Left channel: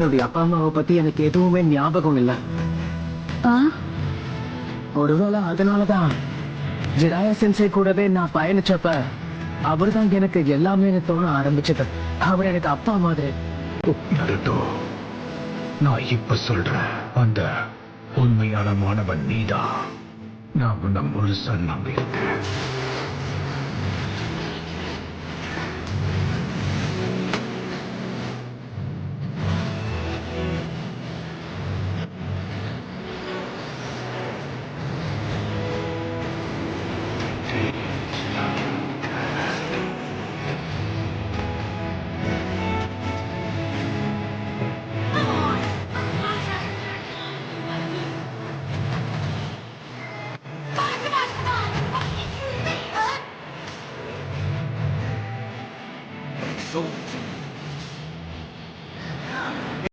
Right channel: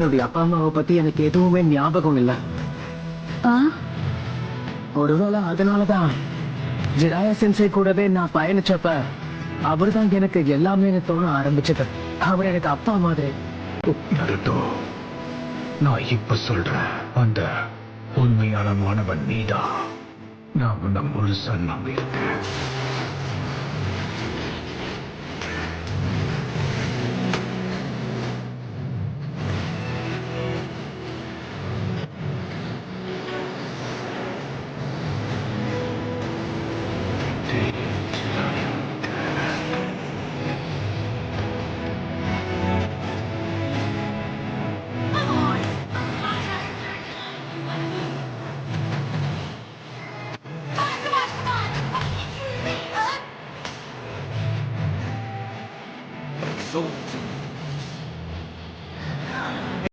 என்னுடைய அப்பா அம்மாவை பத்தி எனக்கு எதுவுமே ஞாபகம் இல்லை. ஒருவேளை அதனாலதான் ஜிராயா சென்சை கூடவே நான் பயணிச்சப்ப அவர்தான் எனக்கு எல்லாமே தோண ஆரம்பிச்சது. அவர் எனக்கு அப்பா மாதிரி. நருட்டோ, நான் இப்ப சொல்றேன், அந்த உண்மையான மாணவன் நீதான். நான் உன்னை முழுசா நம்பியிருக்கேன்.